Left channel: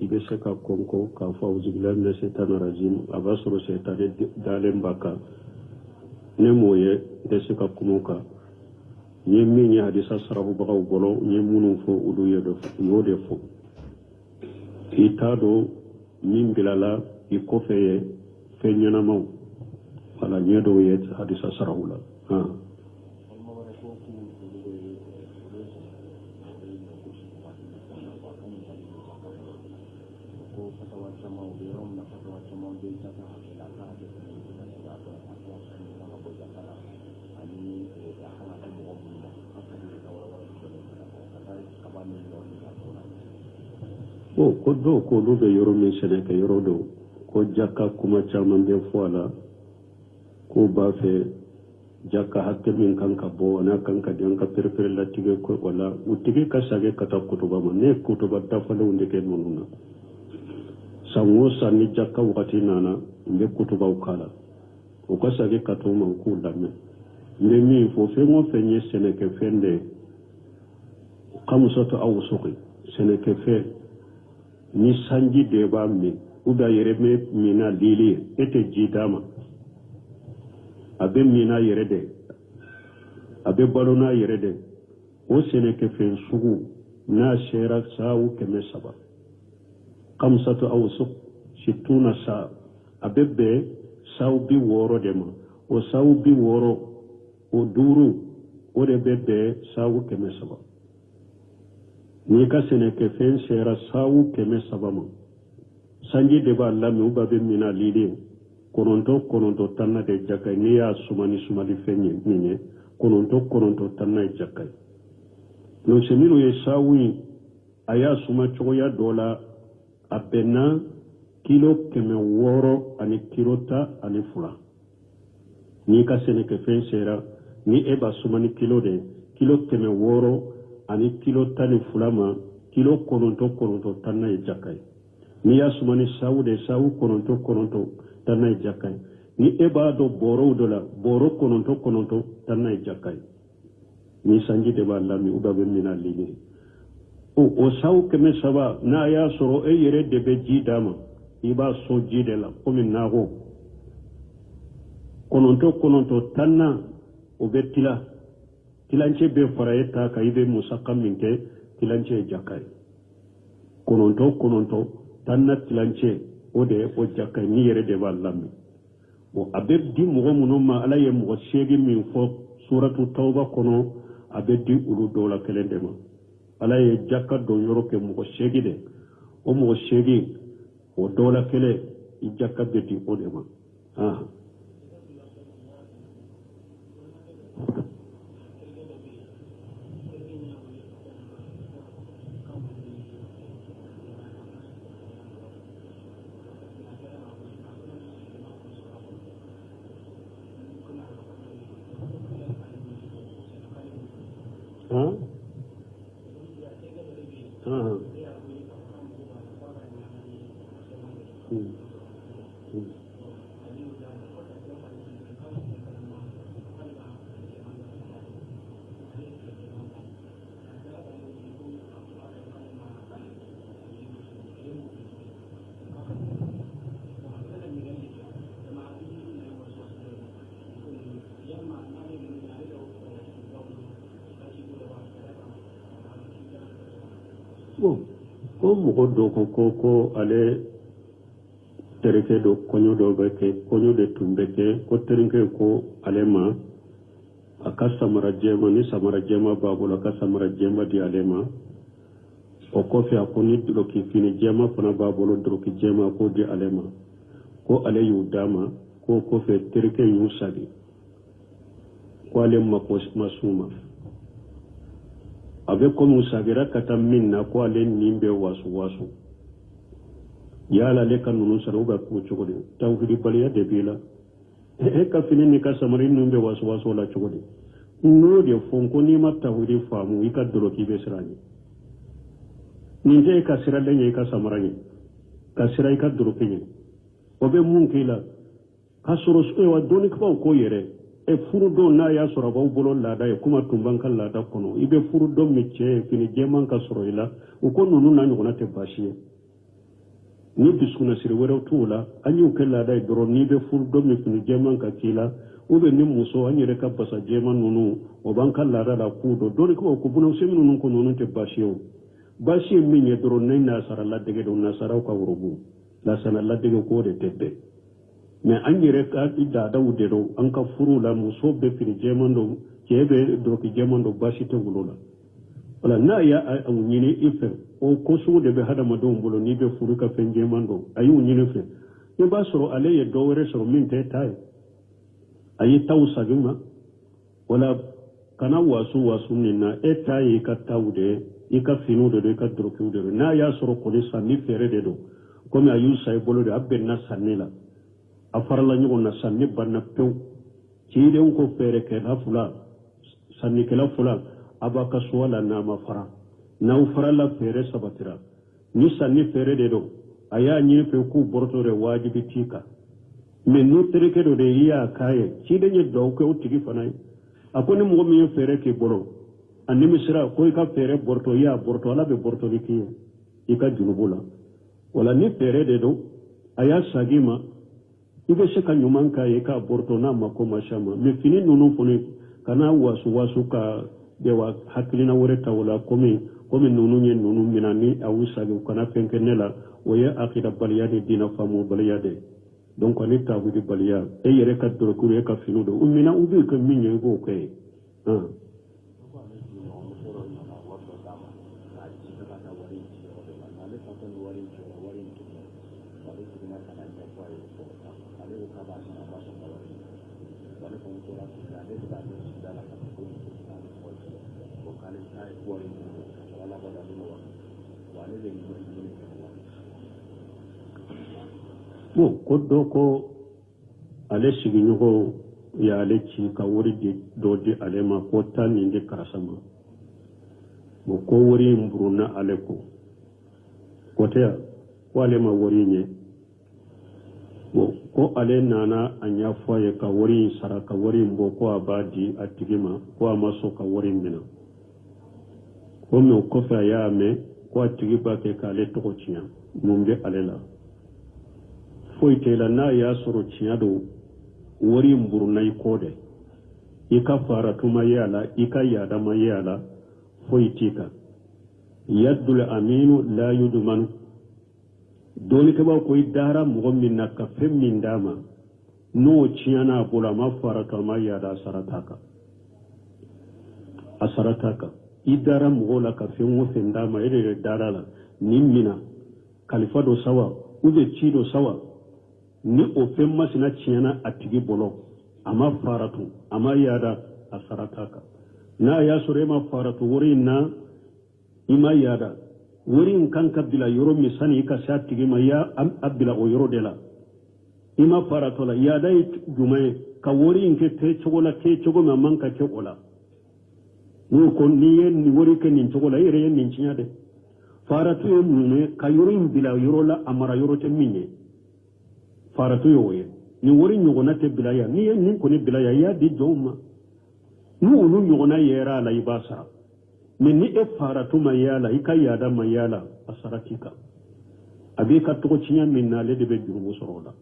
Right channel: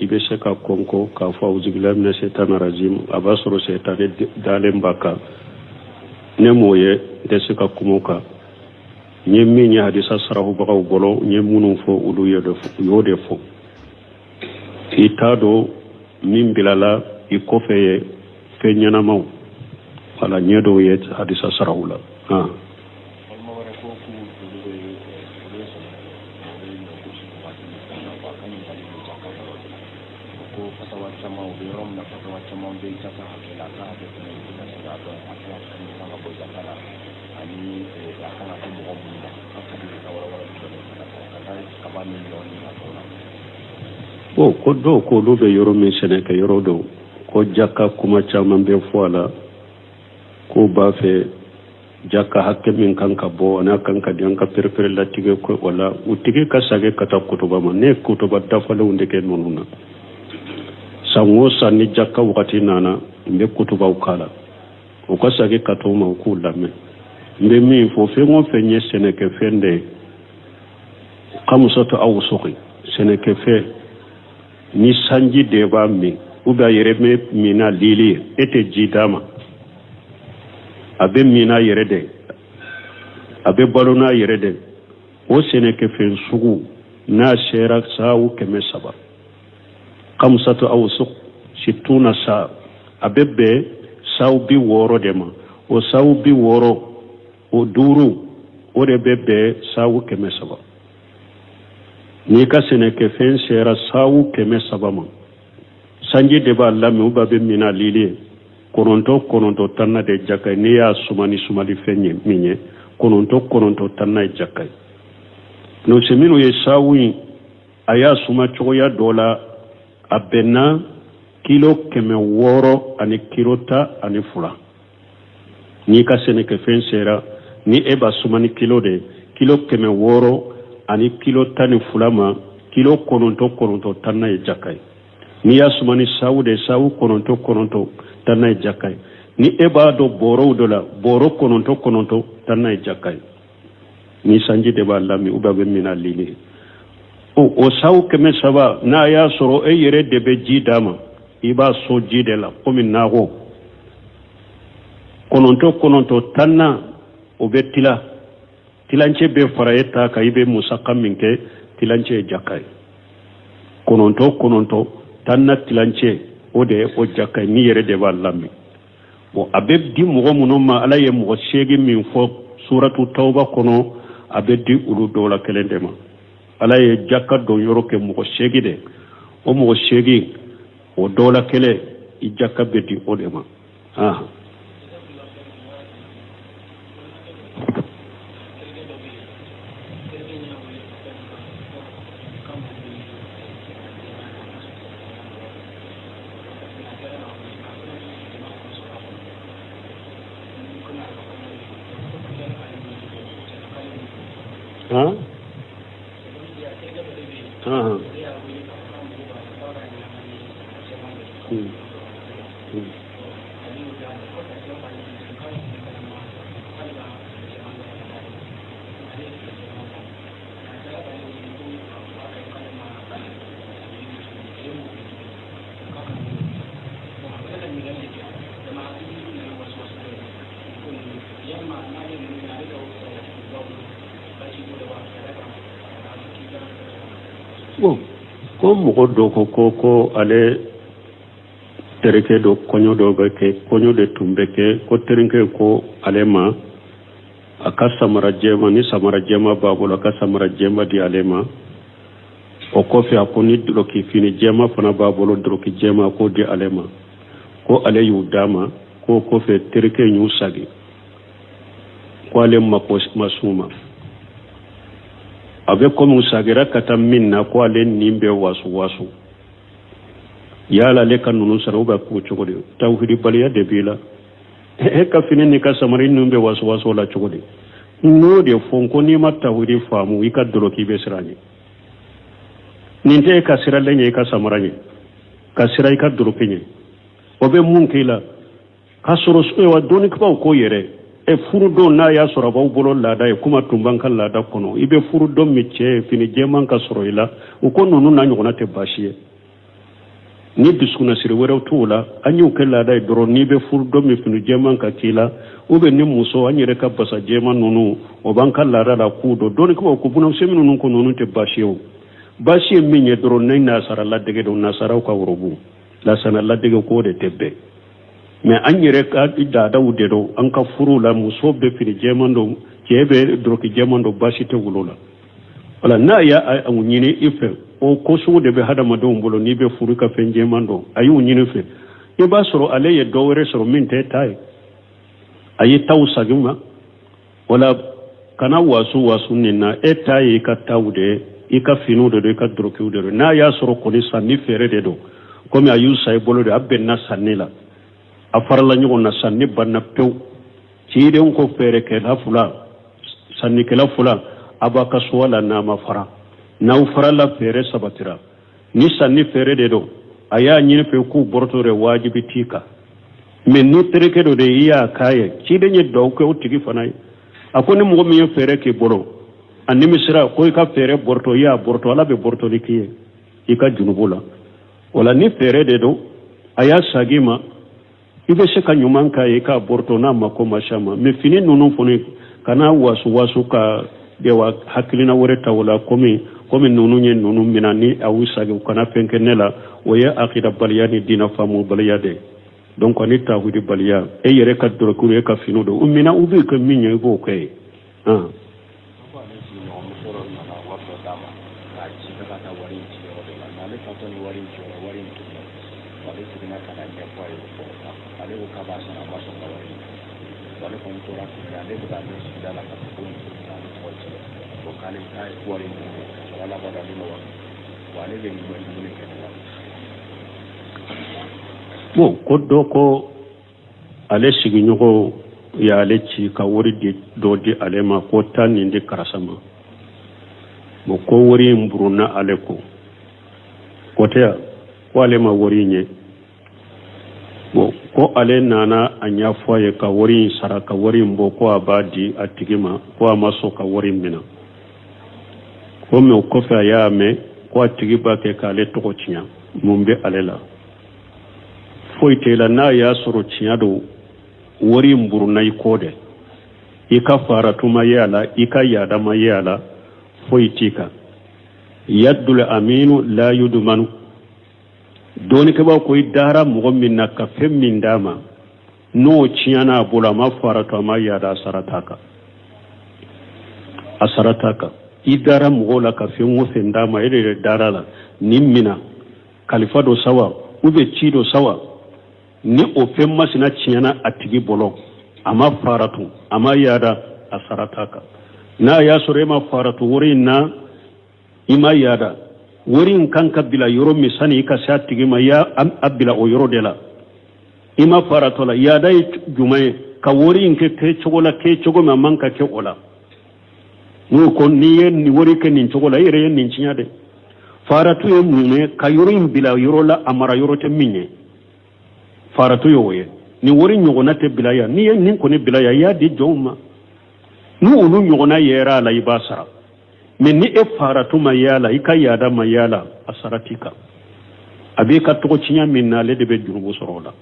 ibe se ka konko ka fa uzbillahi minash shaitanir rajim abasoro shaytane dalen baka ne moye de se ka kumoka nye min ya hadisa sarahu bagaw bolo nye munun fo ulu yode fo itado min bilala i kofeye fe ñanamaw wala ñedo ye hadisa sarahu la ko do ko do be yoro min sene ke yoro do ko jakka kuma caman be foala ko ba fe jakka hakke min kanka bo na kanka dian ka perper la tige ko wala utige ka sage kata kutuba ma ne kutuba dafale unde ke nonuna sango sanni jakka wakati nana mbe kutuba ukala o ka sage kato ma ku lamme mbe mi fo fe mo fe nye sene ke fende kamusato aw soxi sene ke fe ni sanji deba mi uba yereme mina lili ete jidama abe mina yerede abe balona yerede o sene ke fen sugu na shera sawu keme saba kamsatu awsuq situna sa abe be sawu bi woro dema o sawu bi woro o duru o de bebe sawu keme saba ni ka sene ke fen shera sawu keme saba ma sanji deba lami uba be mina lili kononto tanna de jakay ni ya sumani fenye minye kononto tanna jakay no semino ye sawi aya suma choya dola abena kilo keme woro ani kilota ani fula ni ka sene ke fen sera ni eba sumani kilo de kilo keme woro ani kilo tani fulama kilo kononto tanna jakay ni ya sumani sawu de sawu kononto tanna jakay ni eba do boro dola boro kononto tanna jakay ni sanji de ba lami ubabe mina lini o sawu keme saba na ya soro e yere de be jidama iba so jide la komi nago kononto tanna o be tilanche be farayeta ka ibe musakam minke tilanche jakay kononto tanna tilanche ode o jakay ni yere de ba lami bo abeb di mo muno ma ala ye mo shegi min fo suratu tauba kono abedi ulu dola kelendema ala ye jakka do yoro ke mo shegi de o mo shegi o dola kele I jakka bedi odema ko mo do ko ale tereke do konyo do beke konyo de tumbeke ko tereke ko alema akasa marajema ni samarajema babolo akasa marajema di alema o ko fi akoni do ki fini jema fana babolo do ki jema ko di alema ko ale yudama ko fe tereke nyu sagi ko ale masuma abe komu sagira kata minna ko ale nimbe wasu yala le kanunu saroba ko chogode tawhidi baliya de bila ka fini ni ka samari nimbe wasu la chogode no de fonko ni ma tawhidi famu ika doloki be sirani ninte ka sira lenye ka samarani ka sira ika dolokenye obe munkila ka soro wa doni ko yere e furu do na ya soro ba bolo lada e kuma tumban kan lada kono ibe furu do mecce fini jeman ka soro ila u ko nonu na nyona te bashiye ni dusuna siri wɛrɛw t'o la an y'o kɛ laada ye dɔrɔn n'i bɛ furu dɔ min fini jɛman ka k'i la ni muso an yɛrɛ ka basa jɛman ninnu o b'an ka laada la k'u dɔn dɔɔni ko bunamisɛnnin ninnu ko ninnu tɛ baasi ye o baasi ye min ye dɔrɔn ne nasara ladege don nasaraw ka worobu lasana ladege k'o de tɛ bɛn mais an yɛrɛ ka daadaw de don an ka furu la muso bɛ fini jɛman don cɛ bɛ dɔrɔki jɛman don baasi tɛ wolo la wala n'a y'a ɲini i fɛ o ko sugu de bɛ hadamadenw bolo n'i bɛ furu ka fɛn jɛman don a y'o ɲini fɛ i b'a sɔrɔ ale ye dɔ wɛrɛ sɔrɔ min tɛ ta ye a ye taw sagin ma wala kana wasu nin na e ta ye i ka taw de ye i ka finiw de don i ka dɔrɔkiw de don n'a y'a sɔrɔ kɔni sanni feere de don komi a y'u sa i bolo de a bɛnna sanni la a farala ɲɔgɔn na sanni banna pewu cidenw ko feerekɛla fila sannikɛla fila a b'a ka so la n'a ma fara n'aw farala feere sabatira ni sanni feere de don a y'a ɲini fɛ k'u bɔrɔtɔ de wajibi t'i kan mais ni terikɛ dɔ de i y'a k'a ye ciden ye duwawu kɛ o tigi fana ye a ko ni mɔgɔ min ye feere k'i bolo a nimisira ko i ka feere bɔrɔtɔ i y'a bɔrɔtɔ ala bɛ bɔrɔtɔli k'i ye i ka junubu la wala ni feere de don a y'a sagi ma i bɛ se ka ɲuman k'a ye i k'a bɔrɔtɔ n'a ma ko ma s'a ma mais fini ninnu fana kana wasu ka dewa hakilina wɛrɛ ta o la komi ninnu ye ninnu mina ni a y'u sagi u kana fɛn kɛ ne la o ye akida baliya ni diinɛ faamu baliya de donc ani tawhidi baliya e yɛrɛ ka dɔrɔkiw e ka finiw don u mina u bɛ kɛ min ye i b'o kɛ ye bon ko dɔ ko ale sigiɲɔgɔn y'ale ci ka wari dɔ di ale ma ko taa nin di karisa ma bon ko wari in burunna ale ko tɛ ya ko ale ma wari in ye bon ko ale nana a ɲɛfɔ a ye ka wari in sara ka wari in bɔ ko a b'a di a tigi ma ko a ma sɔn ka wari in minɛ ko mais o kɔfɛ a y'a mɛn ko a tigi b'a kɛ k'ale tɔgɔ tiɲɛ mun bɛ ale la foyi tɛ la n'a y'a sɔrɔ tiɲɛ don wari in burunna i kɔ dɛ i ka faratuma ye a la i ka yaadama ye a la foyi t'i kan yaddul aminu la yudmanu dɔɔnikɛbaa ko i dara mɔgɔ min na ka fɛn min d'a ma n'o tiɲɛna a bolo a ma faratu a ma yaada a sara t'a kan i dara mɔgɔw la ka fɛn o fɛn d'a ma e de yɛrɛ dara la nin mina kalifa dɔ sawa ou bien ci dɔ sawa ni o fɛn masina tiɲɛna a tigi bolo a ma faratu a ma yaada a sara t'a kan n'a y'a sɔrɔ e ma faratu wari in na i ma yaada wari in kan ka bila yɔrɔ min sani i ka se a tigi ma i y'a bila o yɔrɔ de la i ma faratu la yaada ye jumɛn ye ka wari in kɛ cogo la kɛ cogo min a man ka kɛ o la n'o ko n'i ye nin wari kɛ nin cogo la i yɛrɛ ye nin tiɲɛ dɛ faratu ye mun ye ka yɔrɔ in bila yɔrɔ la a mara yɔrɔ tɛ min ye faratu y'o ye ni wari ɲɔgɔnna tɛ bila yan n'i ye nin kɔni bila yan i y'a di jɔnw ma ni olu ɲɔgɔnna yera a la i b'a sara mais ni e faratu ma ye a la i ka yaada ma ye a la a sara t'i kan a b'i ka tɔgɔ tiɲɛ min na ale de bɛ jurumu sɔrɔ o la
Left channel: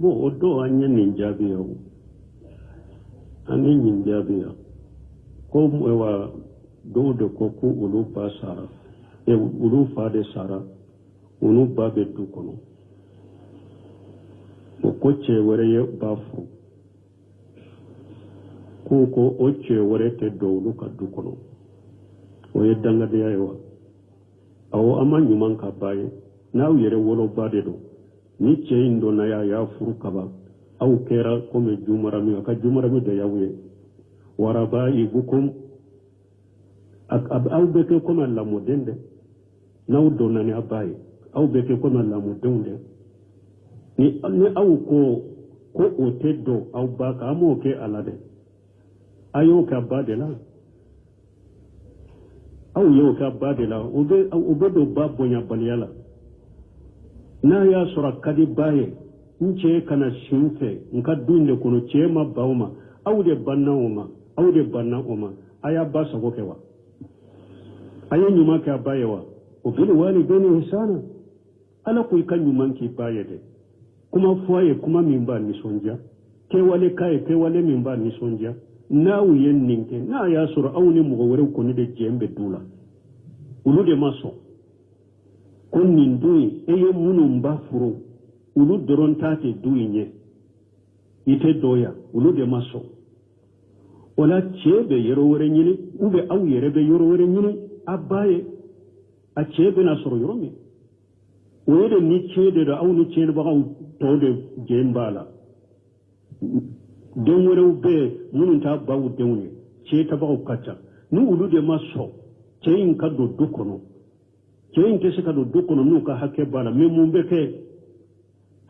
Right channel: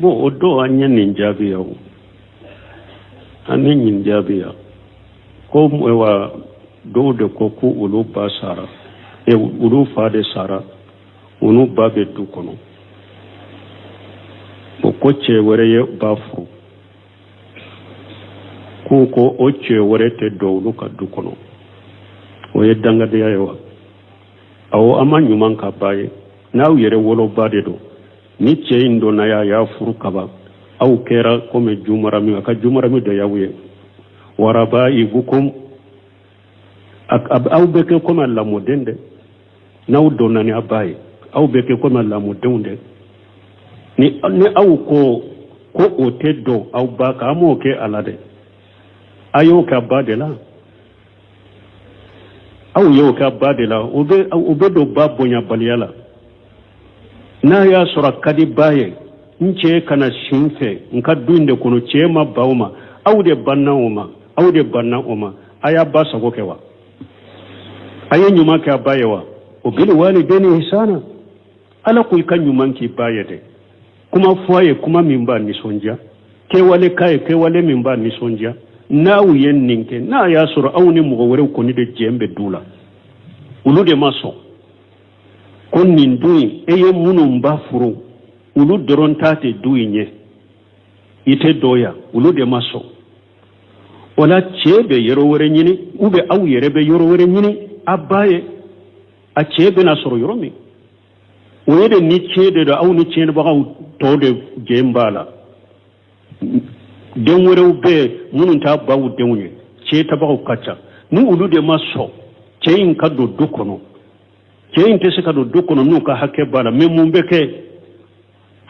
bon o don an ye nin jaabi o an ye nin jaabi ko wa dɔw de ko ko olu ba sara olu fa de sara olu ba bɛ du kɔnɔ o ko cɛ wɛrɛ ye ba furu k'u ko o cɛ wɛrɛ tɛ don olu ka du kɔnɔ o ye dangadenya ye wa awɔ an ma ɲuman ka ba ye n'aw yɛrɛ woloba de don ni cɛ in donna y'a furu kaba aw kɛra komi jumarami a ka jumarami dɔ y'aw ye waraba ibukum aw bɛ kɛ komi lamɔden dɛ n'aw donna ni a ba ye aw bɛ kɛ komi lamɔdenw dɛ ni aw ko o tɛ dɔn aw ba kan an m'o kɛ a la dɛ ayo ka ba de la aw yo ka ba de la o be do ba bonya baliyala na ya sura kadi baye nce kana shinfe nka dunde kono chema bauma aw de banna oma aya ba sago kewa aye nyuma ka bayewa o bil walideni ihsana ala ko kan nyuman ki bayede kuma foye kuma mimba ni sonja ke wale mimba ni sonja na wuyen ninke na ya sura awni mu gore ko ni de jembe dula ulu de maso kon nin duyi eye munum ba furu ulu doron tate duyi nye ite doya ulu de maso wala chebe yero wore nyini ube aw yerebe yoro wore nyini abaye a chebe na soro yoro mi wede ni chede do aw ni chede ba to de jembala den wore ube munun ta bawu denwe che ta ba kacha ni ulu de maso che in kado dukono che in tese kado dukono nu ka hakke bala memum beke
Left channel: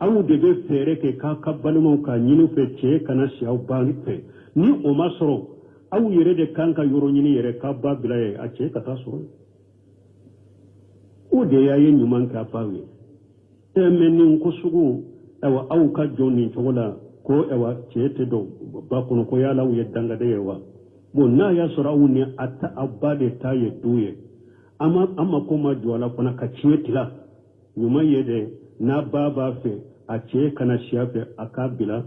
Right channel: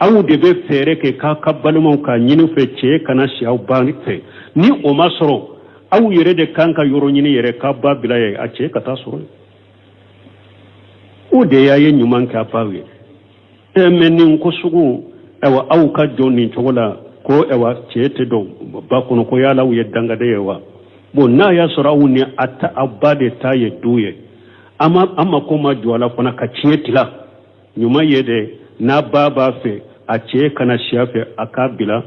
aw de be fere ke ka kabbalmo ka nyinu fe che kana shi aw bani fe ni o masoro aw yere de kanka yoro nyini yere ka babila ye a che kata soro o de yaye nyuman ka pawe e menin ko sugu ewa aw ka joni chogola ko ewa che te do ba kono ko yala wu yedanga de yewa bo na ya soro aw ni atta abade ta ye duye amma ko ma jwala kona ka che tila nyuma yede na baba fe a ce kana shafe a kabila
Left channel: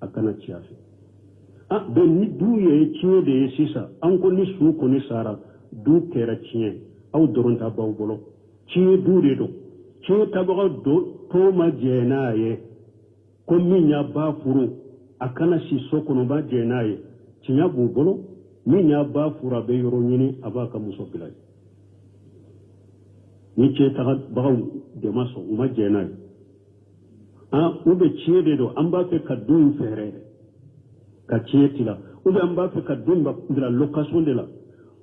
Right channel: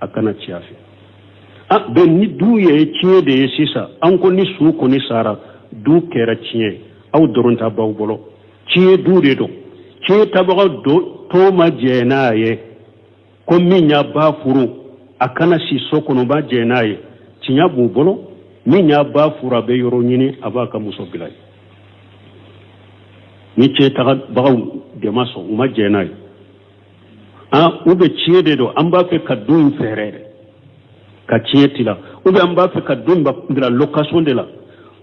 a kana shafe a ben ni duye ciye da ya sisa an ko ni su ko ni sara du kera ciye au doron ta baw bolo ciye du de do ciye ta ba do to ma jena ye ko min ya ba furu a kana si so ko no ba jena ye cinya bu bolo min ya ba fura be yoro nyini abaka muso bilay ni ce ta ba de maso ma jena ye ube ciye de do an ba fe ka dun ferere ka ciye tila ube an ba fe ka dun ba ndira location de la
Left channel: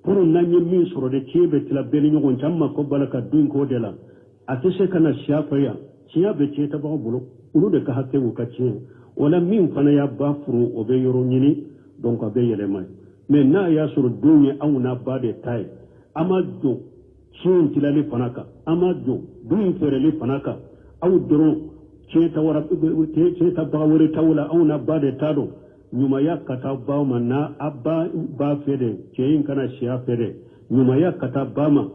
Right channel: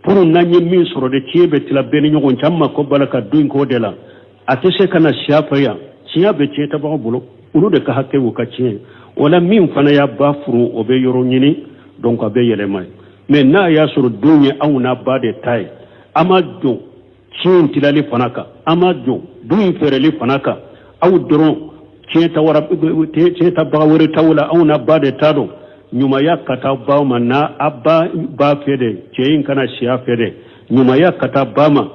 pour nanye min soro de ciye be tila beni nyogon chamma ko bala ka dun ko de la atese kana shafa ya ciya be ciye ta ba bulo ulu de ka hakke wo ka ciye wala min fana ya ba furu obe yoro nyini donc abe yele mai mais na ya soro dunye au na ba de tai ama do ciye tila le fanaka ama do dun ferele fanaka au doron ce ta ba wuri taula auna ba da tado nyuma ya kata ba ma na abba ba fede ce yin kana shiya fede nyuma ya kata ba ma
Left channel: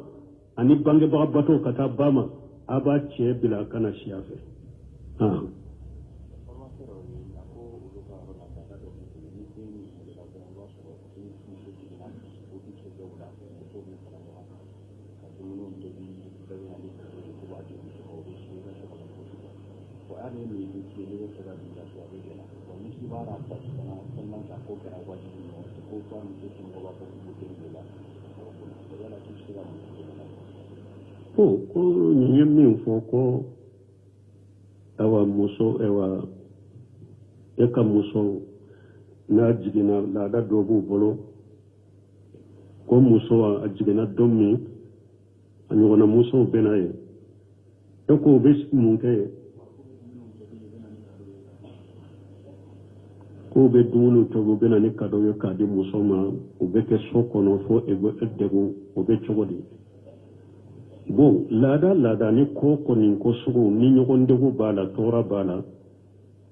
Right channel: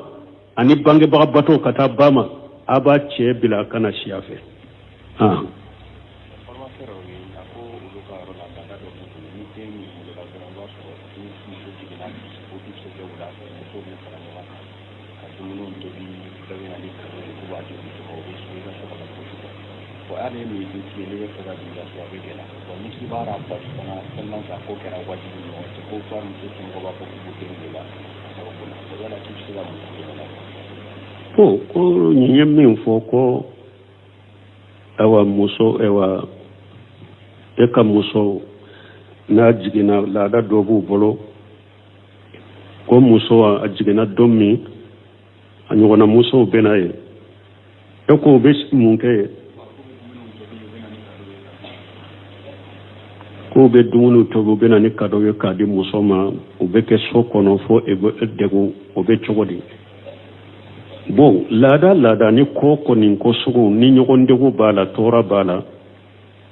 ani bange ba bato kata ba ma aba ce bila kana shiya fe ko nyem fo ko awa muso ewa eka muso na jigina la da dobu bolo ko muso a jigina domi anyona muso benaye ko be munke ko be dumunu to be na ni kado ye kadi muso ma o be ke so kono fo e degu o be chogodi bon lada ni ko ni ko sugu ni nyogon degu bala tora bala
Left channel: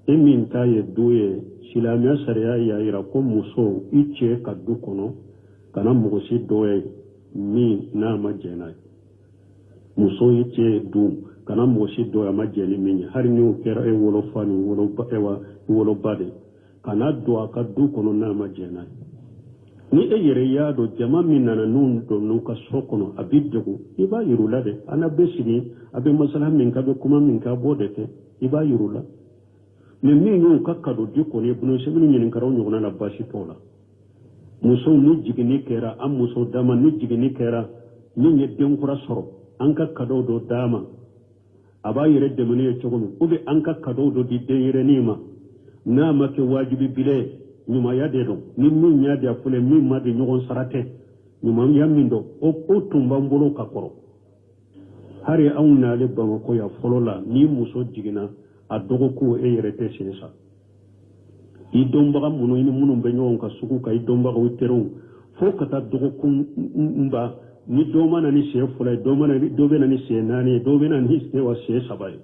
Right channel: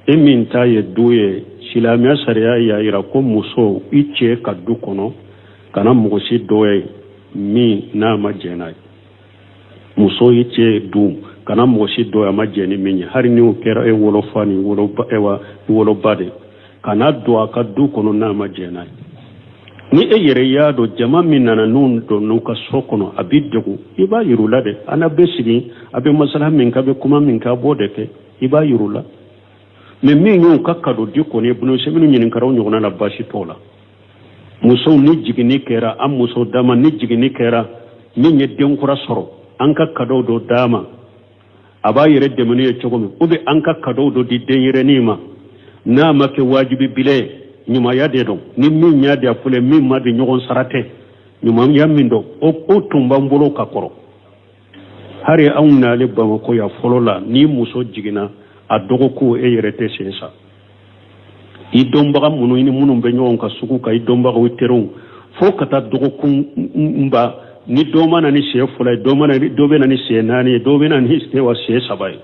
e min ta ye duye silamiya sariya ya ira ko muso iche kadu kono kana mugosi doye mi na ma jenai muso iche du kana mugosi doya ma jeni min hari ni o kera e wolo fani wolo ewa wolo bade kana do aka du kono na ma jenai ni e yere ya do jama min nana nun do nuka sokono abidegu iba yirula de ana besigi abe masala min ka be kuma min ka bode ke iba yirula me min yu kakado di ko ne bunu se minu nyin karaw nyona na bashi tola muso ni jigini kera am muso dama ni jigini kera min ye denkura soro an kakado do dama aba yere de menu ye chogomi ube an kakado do di denyere nima na make wajibi bile nyuma ya de do ni min ya de afule min ma de nyogon sarate nyuma ya min do o tumba mbolo ka koro hari auna le ba ko ya folola ni muso jigina a dogo ko e yerete sesa i dombaga munu ini munu be ɲɔgɔn ka sugu ka i dombaga terenw fo ka taa dɔgɔkun mba ni dɔ mana ni siɲɛ fila ye dɔ bɛ na ni siɲɛ naani ye dɔ bɛ na ni siɲɛ saba ye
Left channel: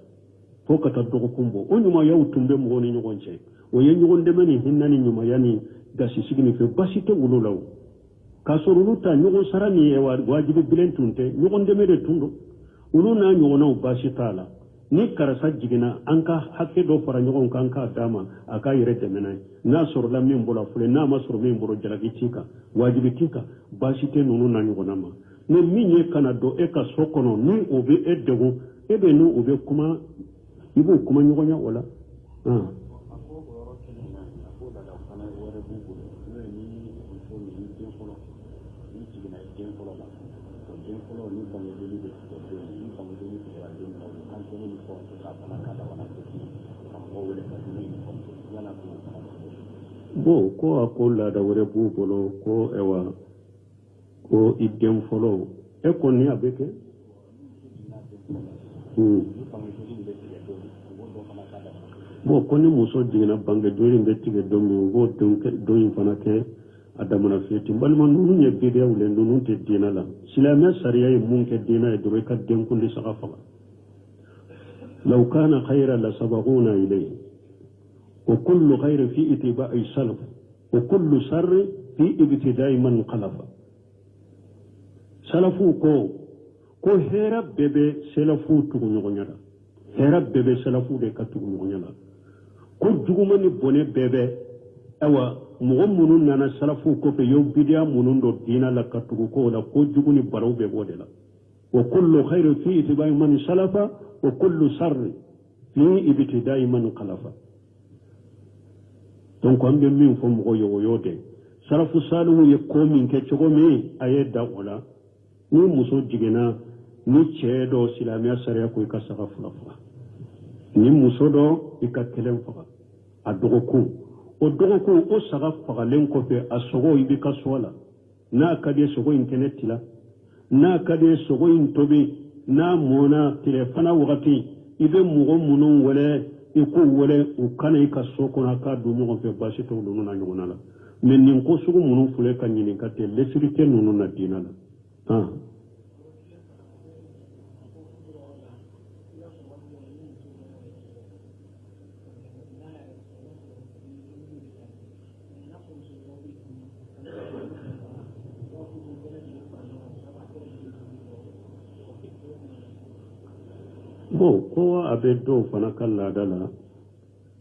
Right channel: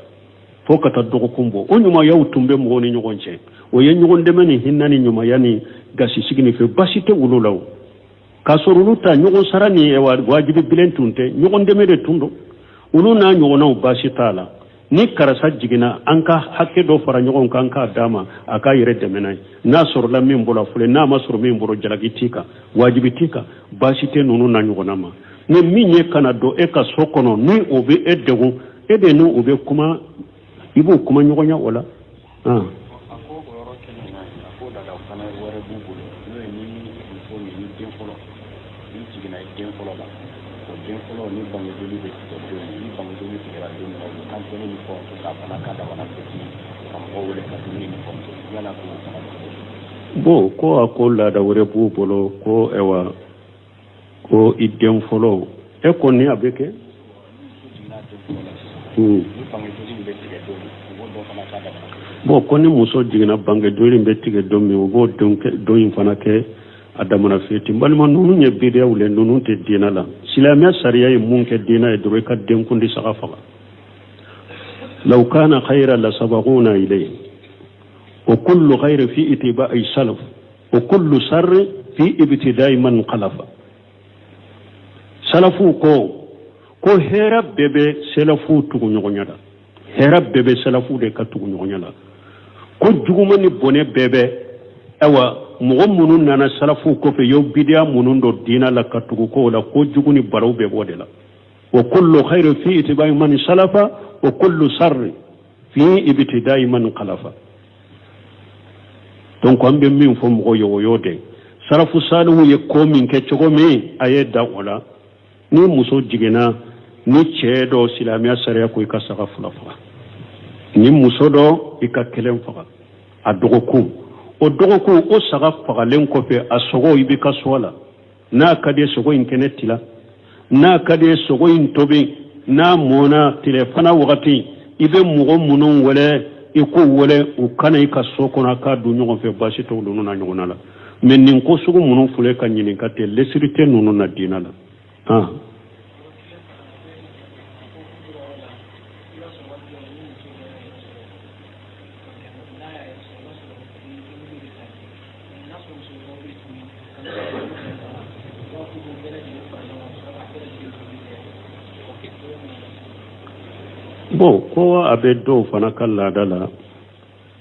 fo ka taa dɔgɔkun bɔ o ɲumanyaw tun bɛ mɔgɔw ni ɲɔgɔn cɛ o ye ɲɔgɔn dɛmɛ ni hinɛ ni ɲumanya ni gasisigi ni fɛ basi tɛ olu la o k'a sɔrɔ olu ta ɲɔgɔn sara ni wajibi bilen tun tɛ ɲɔgɔn dɛmɛ de tun don olu n'a ɲɔgɔnnaw basi t'a la ni karisa jiginna an ka hakɛ dɔ fara ɲɔgɔn kan k'a d'a ma a k'a yɛrɛ dɛmɛ n'a ye n'a sɔrɔla min bɔra fɔlɔ n'a ma sɔrɔ min bɔra jalaki t'i kan wajibi t'i kan basi tɛ ninnu na ɲɔgɔnna ma mais min ye kana don e ka so kɔnɔ ni o bɛ e degun e de ni o bɛ kuma i b'o kuma ɲɔgɔn ya o la bon ko a ko laada wɛrɛ b'u bolo ko ewa ko i den fɔlɔ e kɔni a bɛ kɛ bon ko ni muso jiginna bange joli bɛ tigɛ don min u b'o don in fana kɛ a damana feti balima ninnu ye bidiyaw le ninnu tɛ diinɛ la silamɛya sariya ye mun kɛ diinɛ ye dɔrɔn i ka denkundi saga faga law kana khayran la sabaquna ilayhi wa kullu khayrin fi ittiba'i salaf wa kullu sharrin fi ibtida'i man khalafa salafu ko hera bebe salafu tugu ɲɔgɔnya la hera bebe salafu de ka tugu ɲɔgɔnya la ko juguma ni bɔnɛ bebe awa mɔgɔ minnu nana salafu kɔfɛ y'o bidiya minnu dɔ diina la ka tugu ko la ko jugu ni baraw bɛ bɔ de la wa kullu khayrin fi ittiba'i man salafa wa kullu sharrin fi ibtida'i man khalafa donc an bɛ min fɔ mɔgɔ ye o y'o de salafu salihu ye ko min kɛ cogo min a ye da o la ni muso jiginna ni cɛ dɔ silamɛya sariya ko i ka saga fila faga ni muso dɔ i ka kelen faga a dɔgɔkun o dɔgɔkun o saga fagalen kɔfɛ a sogo i bɛ ka so la n'a ka di ye sogo in kɛnɛ tila n'a ka di ye sogo in tobi n'a mɔna tilefana wagati i bɛ mɔgɔ minnu wele i ko wele u kana i ka so kɔnɔ k'a don ɲɔgɔn fɛ basi t'o ninnu na ɲɔgɔn la mais nin ko sugu minnu filɛ ka ɲininka tɛ lesiri tɛ ninnu na diinɛ la bon ko a bɛ dɔw fana ka laada la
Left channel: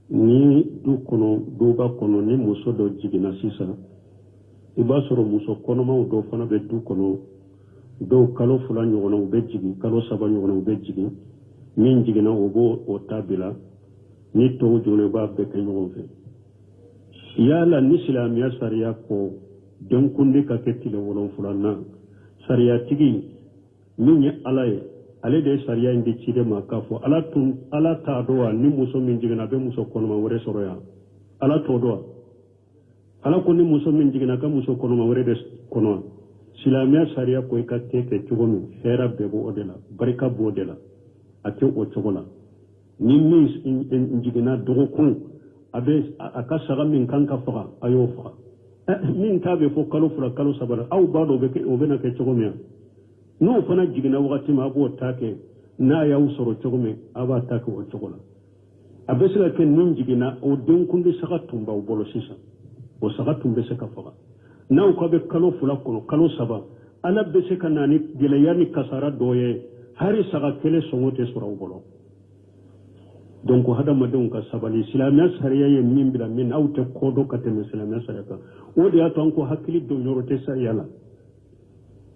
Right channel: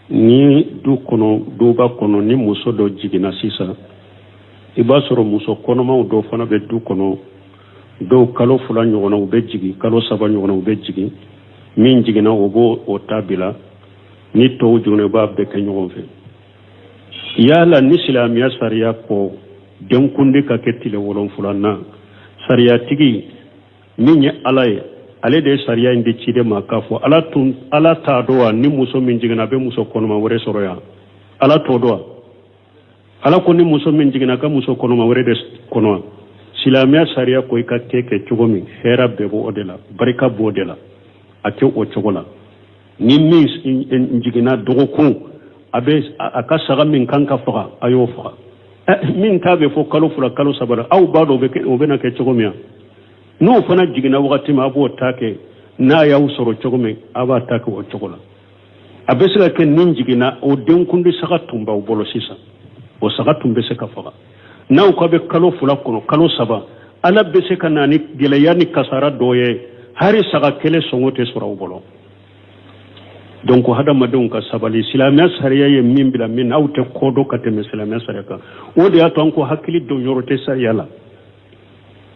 ni duba kɔnɔ ni muso dɔ jiginna sisan i b'a sɔrɔ muso kɔnɔmaw dɔw fana bɛ du kɔnɔ dɔw kalo 2 ɲɔgɔnna u bɛ jigin kalo 3 ɲɔgɔnna u bɛ jigin min jiginna o b'o o ta bila ni tɔw jiginna i b'a bɛɛ kɛ ɲɔgɔn fɛ yala ni silamɛya sariya kɔ denkundi ka kɛ tile 7 sariyatigi min ye ala ye ale de sariya in de ci de ma k'a fɔ ala t'a dɔn wa ni muso min jiginna a bɛ muso kɔnɔma wɛrɛ sɔrɔ yan ala t'o dɔn wa ala ko ni muso min jiginna ka muso kɔnɔma wɛrɛ de kɔnɔ silamɛya sariya ko i ka kɛ cogo min hɛrɛ bɛɛ b'o de la barika b'o de la a tɛ o cogo la ni min jiginna dɔgɔkun a ka saga min kan ka faga a y'o faga min t'a bɛ fɔ kalo 2 kalo 3 la aw b'a dɔn o bɛna kɛ cogo min n'o fana jiginna wagati min a b'o ta kɛ n'a y'aw sɔrɔ cogo min a b'a ta kɛ o cogo la a bɛ se ka kɛ nin jiginna o denkundi saga tun b'aw bolo sisan o saga tun bɛ se ka faga n'aw ka bɛ kalo 2 kɔnɔ kalo 3 ala bɛ se ka na ni gɛlɛya ni kasara dɔ ye hari saga kelen sɔngɔ tɛ sɔrɔ aw bolo donc hadamadenw ka sabali silamɛya sariya ye min bila min aw tɛ kɔdɔ ka tɛmɛ silamɛya sariya kan o de y'a to an ko hakili don yɔrɔ tɛ sariya la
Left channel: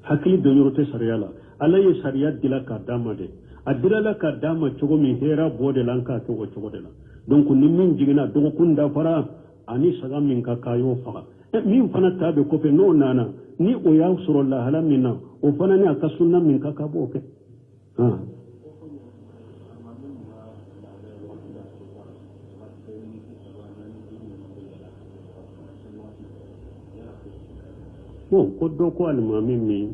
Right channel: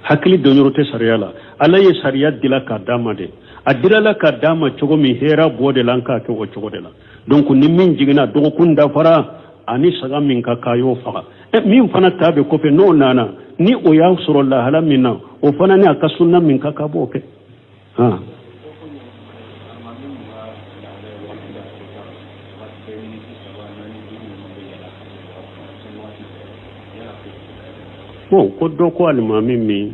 hakili don yɔrɔ tɛ sariya la ala ye sariya dila k'a d'a ma de a dilala k'a d'a ma cogo min hɛrɛ b'o de la an k'a kɛ o cogo de la donc ni min jiginna dɔgɔkun dafara ani saga min ka k'a y'o faga min fana ta bɛ kɔfɛ n'o nana ni o y'a sɔrɔ lahala min na o fana ni a ka sunna min ka k'a b'o kɛ bon ko dɔ ko alimami min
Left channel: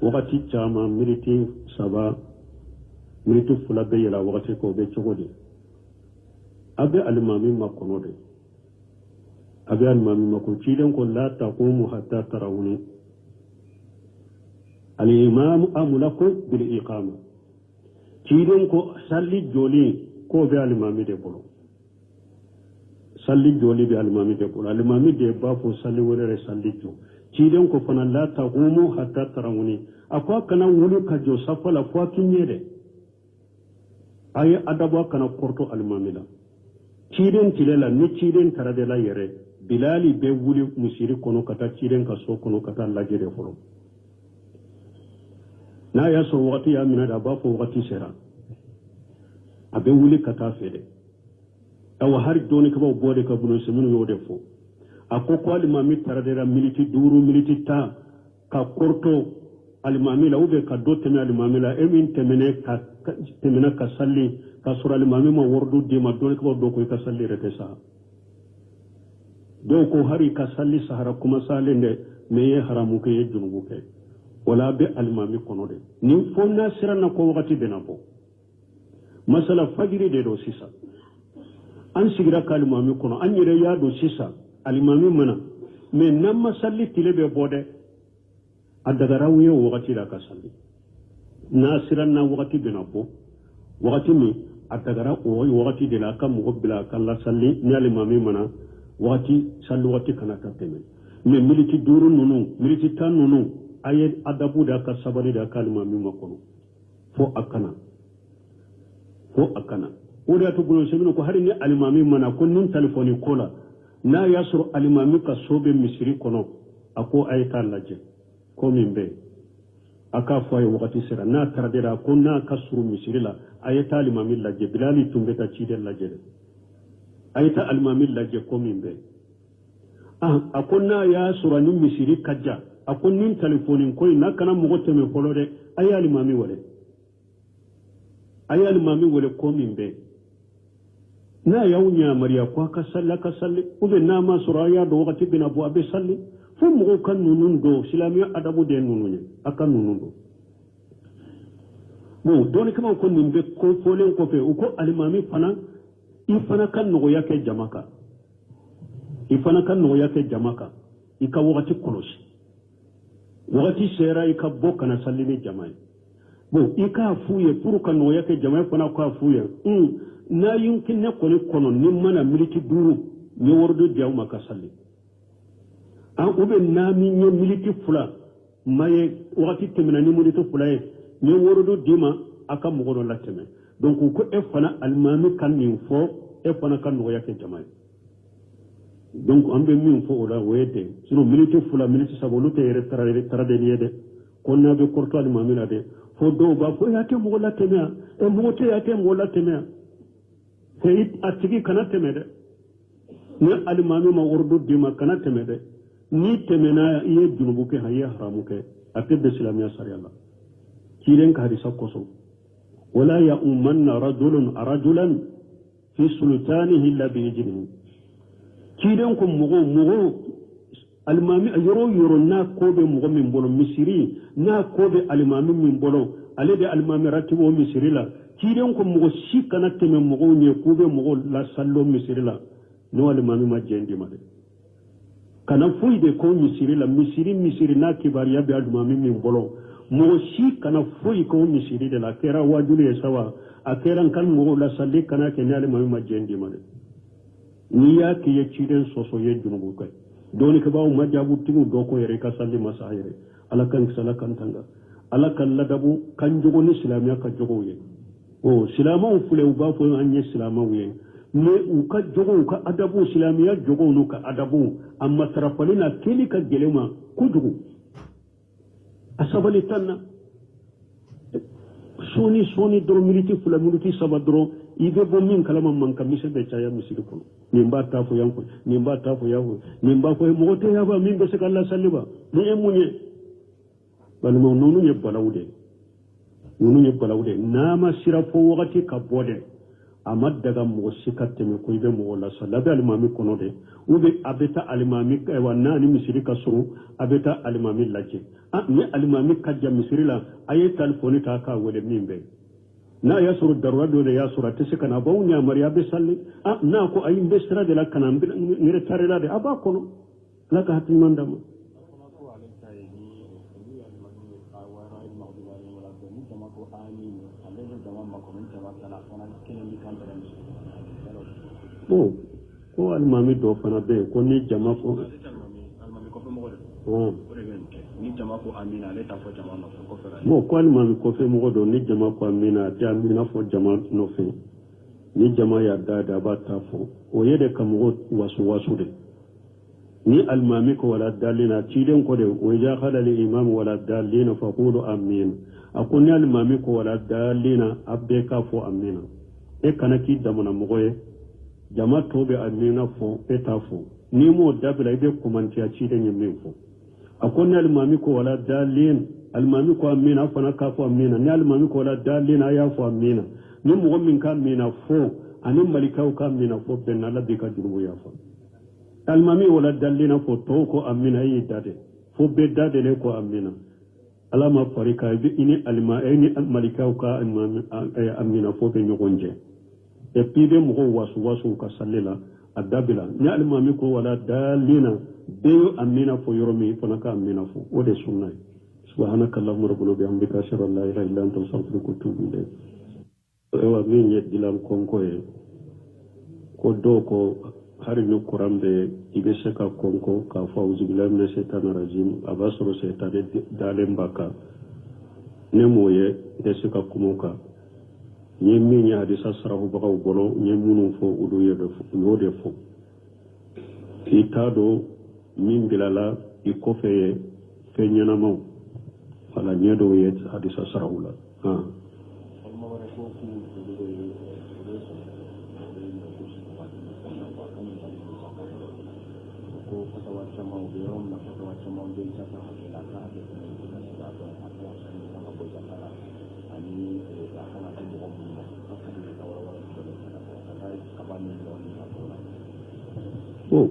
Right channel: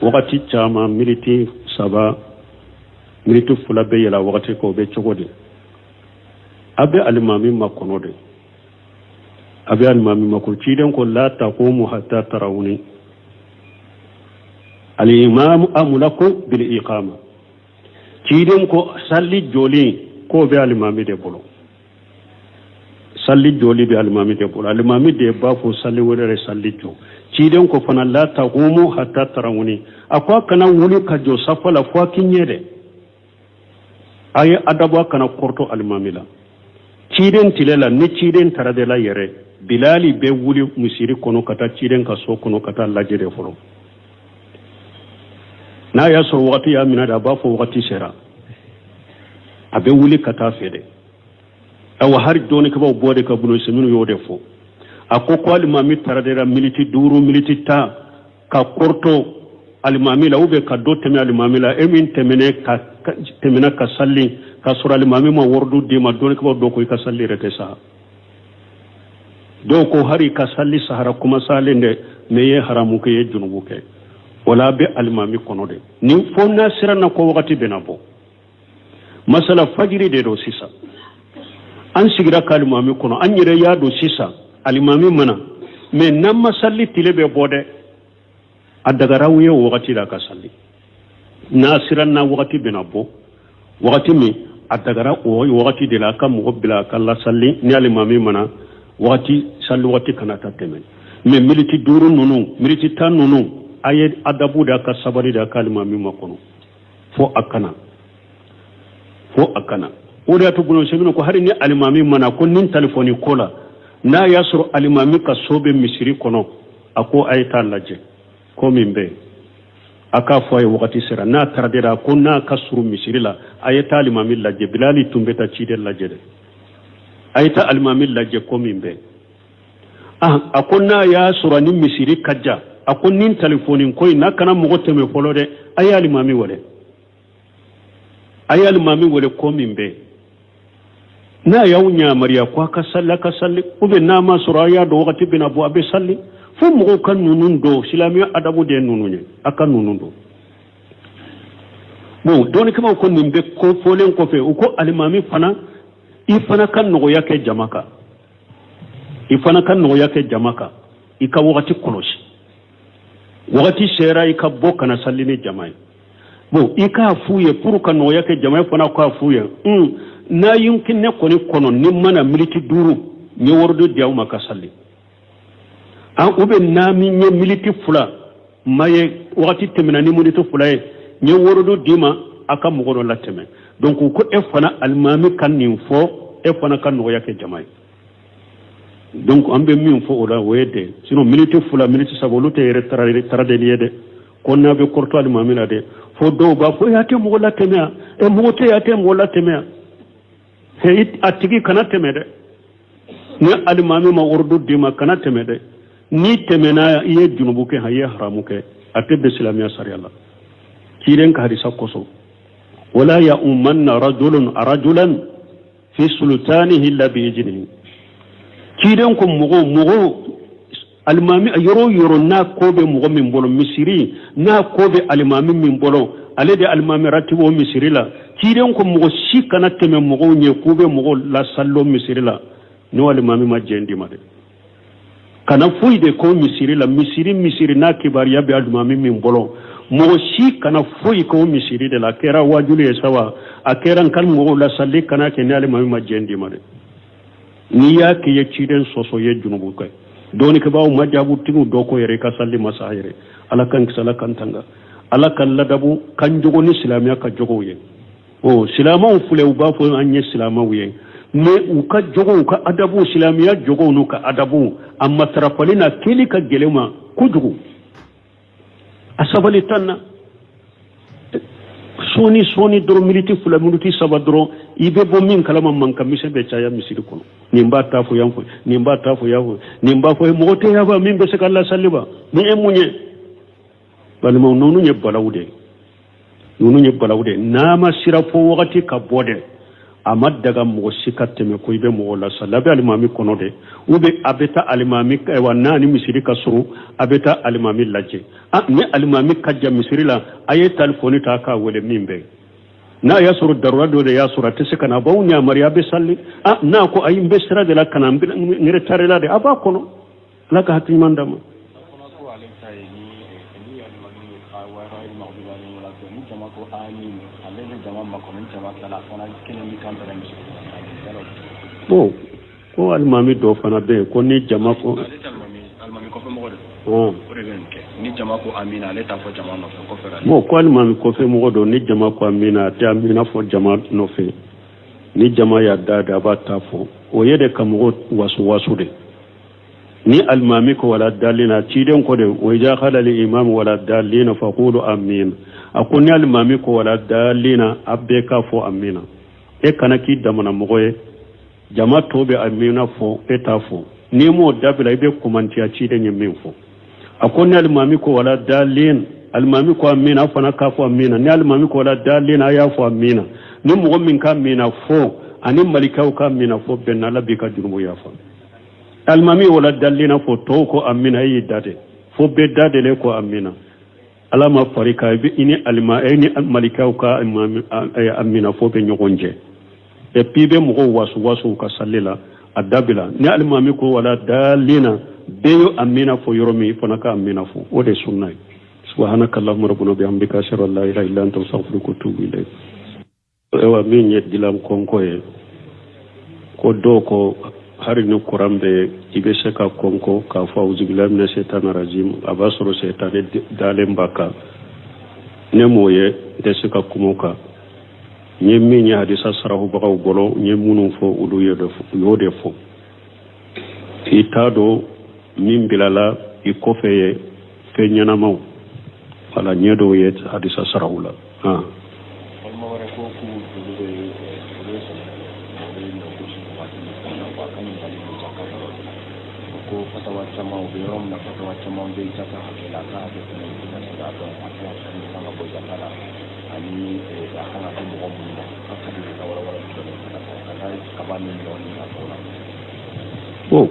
wagati caman miniti 3 miniti 2 bɛ yɛlɛ wagati k'o bɛ cogo di a bɛ alimami ma kɔnɔ de abe alimami mako ciden ko la taqumu hatta tarawni al-imam amulaku bil iqama ciden ko salli joli ko be alimami de bolo salli joli be alimami de bolo alimami de ba fo salli wore salli jo ciden ko fana la taqumu hatta tarawni akwa kana wuli ka jo safala fo kinyede ay adabo kana korto alimami la ciden tilela ni ciden taradela yere bilali be wuli musiri kono kata ciden ka so kono kata lajere folo na ya so wakati ya mina da ba fo wakati sera abe wuli kata fede awa har doni ka ba bode ka buno seminu yode fo akoko alimami taradela militi duru militi ta ka korto alimami la ube ka do teme alimami la emin temene ka temena ka salli ka sura alimami ma wordu di ma doni ka ba do ko ka salli rete sa do ko hari ka salli sahara kuma salinde meye haramu ke ye junubu ke wala be alimami kono de ni fonna sirana ko wakati benabo masala fajiri de do sisa an sigira ka alimami kono an yire ya do sisa alimami mana me namma salli tilebe bode adagara wuye wakati la ka salli na sirana wakati benabo wakati mi adagara o wakati de la ka mo bila kala salli ni alimami mana wakati salli wakati kana tateme me militi duru nunu militi tan nunu aye adabu da ka sabari da kalima mi makono fo akana o da to buno semino ko hari ni alimami mana ko nin telefoni kola na yasru alimami ka sobe misiri kono ako ayta laje ko mimbe aka fo ay wakati sera na taradira ko na kasru misiri la ayta alimami laje bilali tumbeta cide laje de ayta alimami laje ko mimbe akonna ya surani misiri kajja akonnin telefonin koy na kana mo teme folo de ayali mami wole ko mimbe na yawnya mariya ko ka salli ube na ma suraya do wakati bina bo abe salli fu mo kan nunun do silamiya adabu de nununye aka nunun do bo doni kama ko mimbe ko folen ko fe ko alimami fana ifana kan no yake jamaka ika wakati koloshi wakati sera ika boka na salini jamai bo ika fuye puru kan no yake jamai fana ko fuye na yumkin ne koni kono ni mana militi duru ni wordo diaw maka salli an ube na mi nye militi fula maye wakati temena ni militi fula ni wordo dima aka mugoro lateme donc ko e fana almami kan ni fo e fana kan no yake jamai donc ambe min fo ola wede sino militi fula militi sabolute yere tarade yede konna be korto almami la de fo do ba fo yate mo la temea e mo te yate mo la temea he atigi kana temede ni almami ma urdu dima kana temede ni temena ye junubu ke haye haramu ke atebe islamiya sariyalla kiren ka hadisa koso wala ya ummanna rajulan fi sultanihi illa bi ijnihi kiren ko mugo almami yoro na kobe mugo min bolo misiri na kobe almami min bolo ale de almami ratibo misiri la kiren ko mugo shikana teme mugo nye kobe mugo la sallo misiri la no almami ma jendi ma de kana fuide ko misiri la misiri na kibariya be almami min bolo mugo shikana fuyi ko misiri de la kera wajuli sawa akera kan mugo la salli kana ke ne almami ma jendi ma de ni ya ke ye ciden soso ye junubu kay doni ke bawo majabu tingu doko yere ka salli masayire ala kan sala kan tanga ala kan ladabu kan jogo ni islamiya ka jogo ye o silama fule u ba fo anye silama wiye me u ka jogo ka adabu islamiya jogo no ka adabu amma tarafalina kili ka gelema ku jogo asabali tanna soni doro militi fula minuti saba doro ibe bo min kalama manka mise be chaya misiri kono nimba tafu yanko nimba fo mo te yaba min be se kala salliba ni emunye bal mo nonu nye balawde nama sira fo wakati ka bode amad daga mo sikatte me ko ibe mo la sallabe alimami kono de ube abeta alimami wa nani misiri ka suru abeta alimami laje ni alimami kajja misiri la aye telefoni ta ka wole mimbe na ya suru darura do de ya sura te kana ba unya mariya be salli na ko ayi be sira de la kana ngire tare la de aba kono la ka hati mandama bo ko almami do fana be ko ni jama ko almami ko fe mo do ni jama ko amina le ta fo jama no ko fera mo ko almami ko fe mo do ni jama ko amina ta amina fo jama no fe ni jama ya dada ba ta fo o yede kam go wasu de ni almami ko wala dalina ci den ko de o ja khala li imam wala dalina fa qulu amin akun ni almami ko wala dalina abbe ka fo amina e kana ki damana mo ye jama tobe amina fo eta fo ni mo dabila ibe kumantiya ci den min fo akon almami ko wala dalin almami ko amina fana ka fo amina ni almami ko wala dalin aya fo amina ni mo min ka amina fo ani malikaw ka amina fo benna la bi ka jurumu ya fo almami wala dalina fo to ko amina yi dade fo be dade le ko amina alama farika bi ini alma ni malikaw ka amina fo be nyogonje e pibe mo wasu ka sallela adabila ni almami ko wala dalina beyo amina fo yoromi fana ka amina fo o de sunnay subhanakallahumma rabbuna bihamdika ashhadu an la ilaha illa anta astaghfiruka wa atubu ilayk ewa min yeddilam konko e ko do ko hari ni kurambe ibe seka konko ka fawzu billahi minash shaitanir rajim abasoro shaytane dalem baka ne moye de seka kumoka nye min ya hadisa sarahu bagaw golo nye munun fo ulu yode fo itado min bilala i kofeye fe ñanamaw wala ñedo ye hadisa sarahu la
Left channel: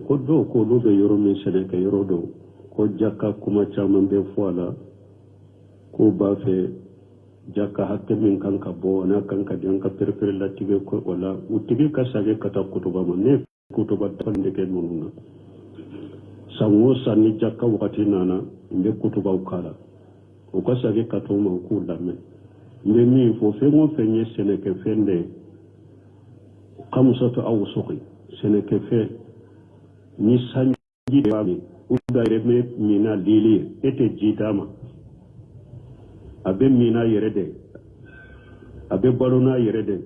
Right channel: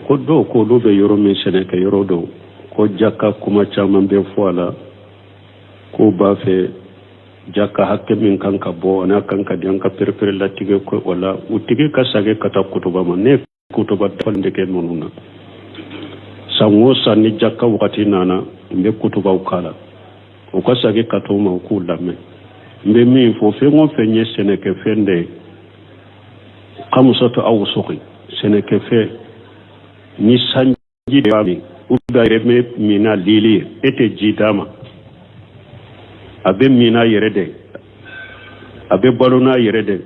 ko do ko do be yoro min sene ke yoro do ko jakka kuma caman be foala ko ba fe jakka hakke min kanka bo na kanka dianka perpere la tige ko wala utige ka sage kata kutuba man ne kutuba fande ke monuna sango sanni jakka wakati nana mbe kutuba ukala o ka sage kato ma ku lamme mbe min fo fe ngon fe nye sene ke fende kamusatu aw suqi sene ke fe ni sanji de wami uga reme mina lili ete jidama abe mina yerede abe balona yerede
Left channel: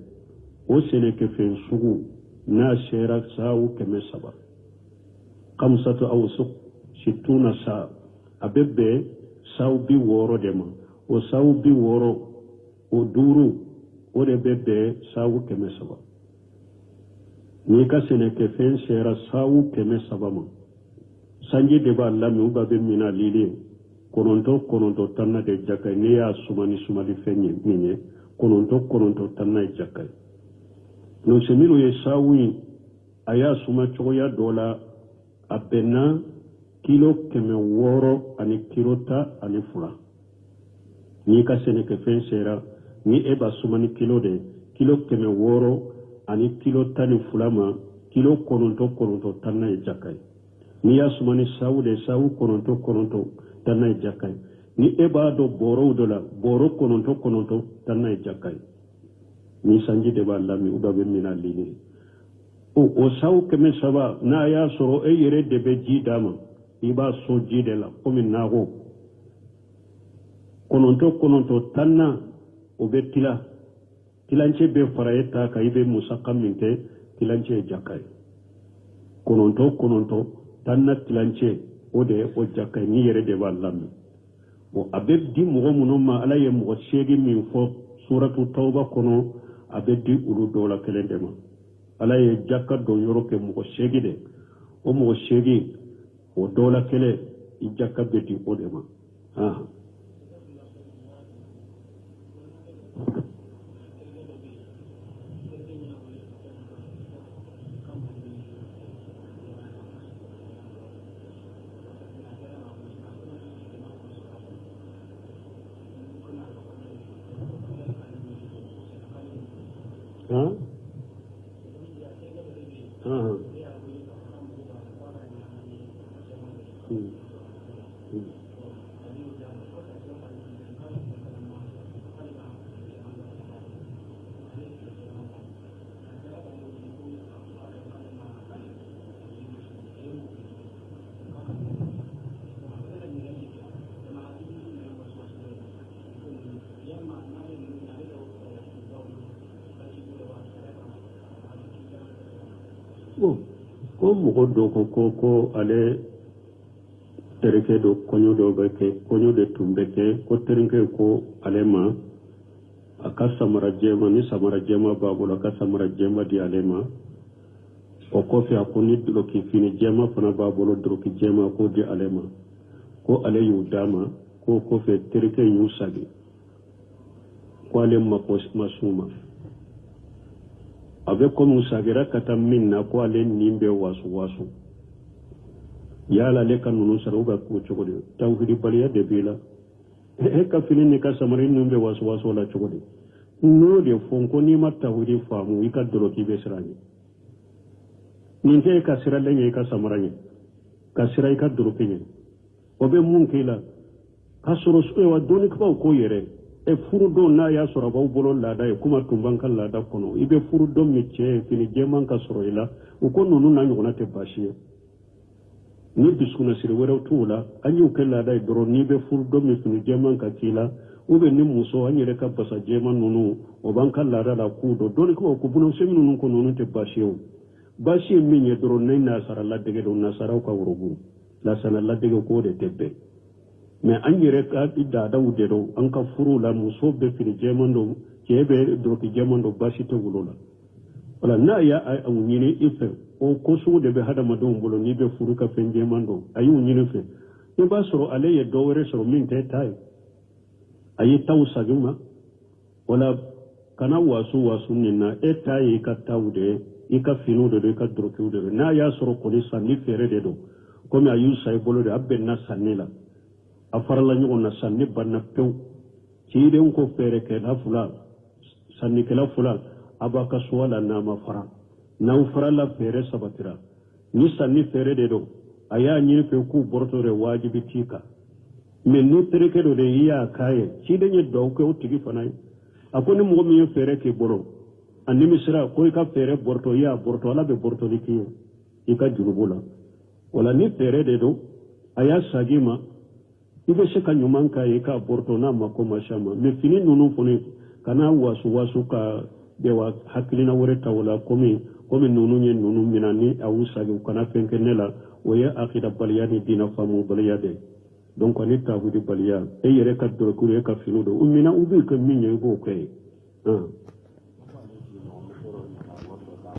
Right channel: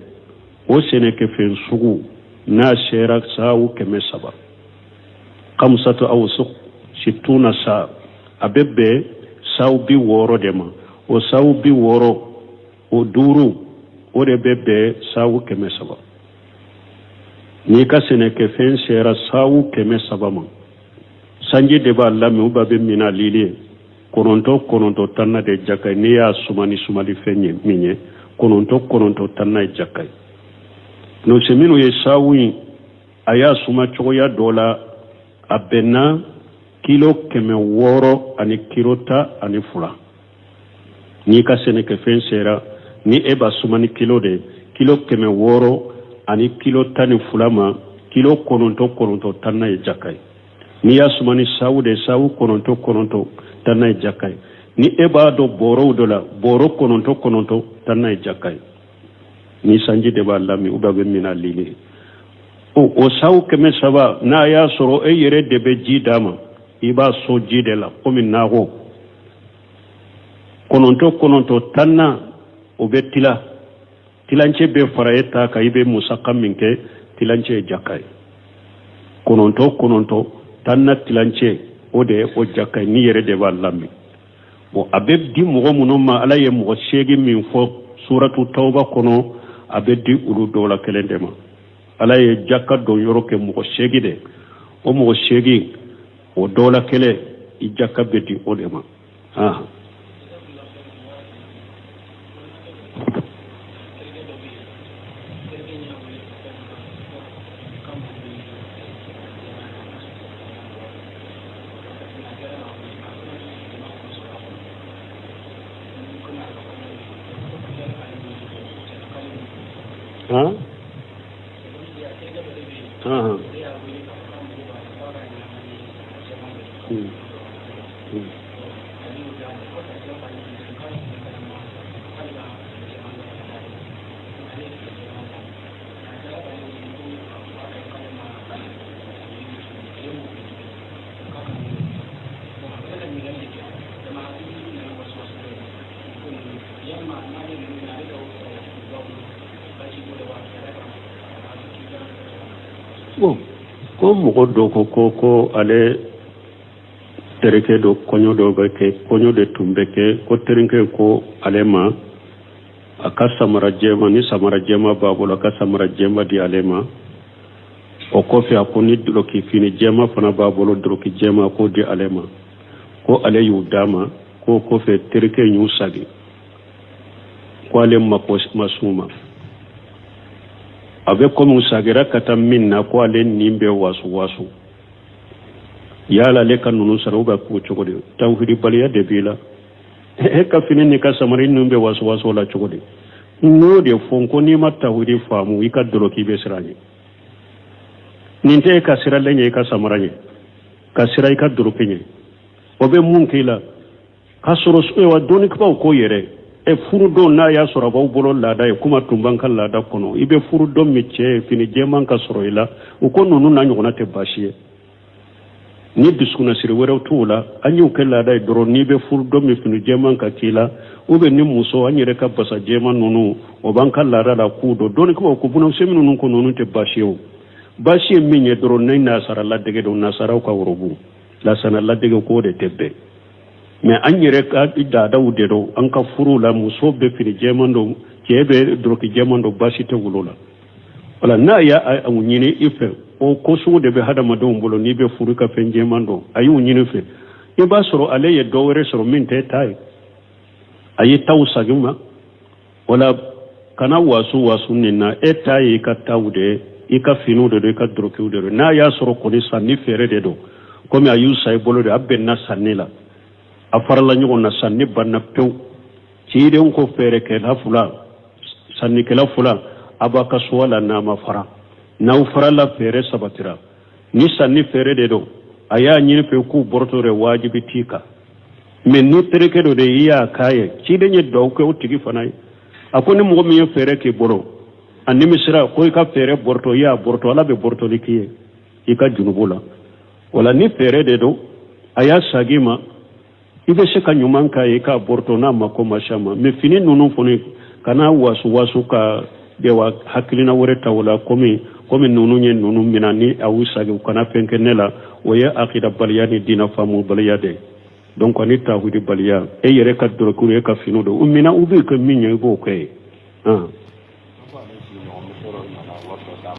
o sene ke fen sugu na shera sawu keme saba kamsatu awsuq situna sa abe be sawu bi woro dema o sawu bi woro o duru o de be sawu keme saba ni ka sene ke fen shera sawu keme saba ma sanji de ba lami uba be mina lili kononto tanna de jakay ni ya sumali fenye minye kononto tanna jakay no semino ye sawi aya suma choya dola abena kilo keme woro ani kilota ani fula ni ka sene ke fen shera ni eba sumani kilo de kilo keme woro ani kilo tani fulama kilo kononto tanna jakay ni ya sumani sawu de sawu kononto tanna jakay ni eba do boro dola boro kononto tanna jakay ni sanji de ba lami ubabe mina lili o sawu keme saba na ya soro e yere de be jidama iba so jide la komi nago kononto tanna o be tilanche be farayeta ka ibe musakam minke tilanche jakay kononto tanna tilanche ode o jakay ni yere de ba lami bo abeb di mo munoma ala ye mo shegi min fo suratu tauba kono abedi ulu dola kelendema ala ye jakka do yoro ke mo shegi de o mo shegi o dola kele I jakka bedi odema ha ha bon ko mɔgɔ dɔ ko ale terikɛ dɔ kɔɲɔ dɔ bɛ kɛ kɔɲɔ de tun bɛ kɛ ko terikɛ ko ale ma a ka samara jɛma ni samara jɛma b'a bolo a ka samara jɛma di ale ma o kɔfɛ a ko ni doloki fini jɛma fana b'a bolo doloki jɛma k'o di ale ma ko ale y'u d'a ma ko kɔfɛ terikɛ y'u sagi ko ale mako ma s'u ma a bɛ komi sagira ka taa min na ko ale nin bɛ wasu yala ale ka ninnu sara u bɛ k'o cogo di tawhidibaliya de b'i la e ka fini ni ka samari ninnu bɛ wasu la cogo di n'o de fɔ ko n'i ma tawhidi faamu i ka doloki bɛ siran ɲɛ nin tɛ e ka siralen ye i ka samara ɲɛ ka sira i ka doloki ɲɛ o bɛ mun k'i la k'a sɔrɔ dɔnnibaw ko yɛrɛ furu dɔn n'a y'a sɔrɔ a b'aw bolo laada ye kuma tun b'an ka laada kɔnɔ i bɛ furu dɔn min cɛ ye fini jɛman ka sɔrɔ i la u ko ninnu n'a ɲɔgɔnna tɛ baasi ye ni dusukunnasiri wɛrɛw t'u la an y'u kɛ laada ye dɔrɔn n'i bɛ furu dɔn min fini jɛman ka k'i la ni muso an yɛrɛ ka basa jɛman ninnu o b'an ka laada la k'u dɔn dɔnnibaw ko bunasemi ninnu ko ninnu tɛ baasi ye o baasi ye min ye dɔrɔn ne nasara ladege don nasaraw ka worobu lasana ladege k'o de tɛ bɛn mais an yɛrɛ ka daadaw de don an ka furu la muso bɛ fini jɛman don cɛ bɛ doloki jɛman don baasi tɛ wolo la wala n'a y'a ɲini i fɛ o ko sugu de bɛ hadamadenw bolo n'i bɛ furu ka fɛn jɛman don a y'u ɲini fɛ i b'a sɔrɔ ale ye dɔ wɛrɛ sɔrɔ min tɛ ta ye a ye taw sagi ma wala kana wasu nin na e ta ye i ka taw de ye i ka finiw de don i ka dolokiw de don n'a y'a sɔrɔ kɔni sanni feere de don komi a y'u sa i bolo de a bɛnna sanni la a farala ɲɔgɔn na sanni banna pewu cidenw ko feerekɛla fila sannikɛla fila a b'a ka suwa la n'a ma fara n'aw farala feere sabatira ni sanni feere de don a y'a ɲini fɛ k'u bɔrɔtɔ de wajibi t'i kan mais ni terikɛ dɔ de i y'a k'a ye ciden ye duwawu kɛ o tigi fana ye a ko ni mɔgɔ min ye feere k'i bolo a nimisira ko i ka feere bɔrɔtɔ i y'a bɔrɔtɔ ala bɛ bɔrɔtɔli k'i ye i ka junubu la wala ni feere de don a y'a sagi ma i bɛ se ka ɲuman k'a ye k'a bɔrɔtɔ n'a ma ko ma s'a ma mais fini ninnu fana kana wasu ka dewa hakilina wɛrɛ ta o la komi ninnu ye ninnu mina ni a y'u sagi u kana fɛn kɛ ne la o ye akidabaliya ni diinɛ faamubaliya de donc ni tawhidibaliya e yɛrɛ ka dɔrɔkuru e ka finiw don u mina u bɛ kɛ min ye i b'o kɛ ye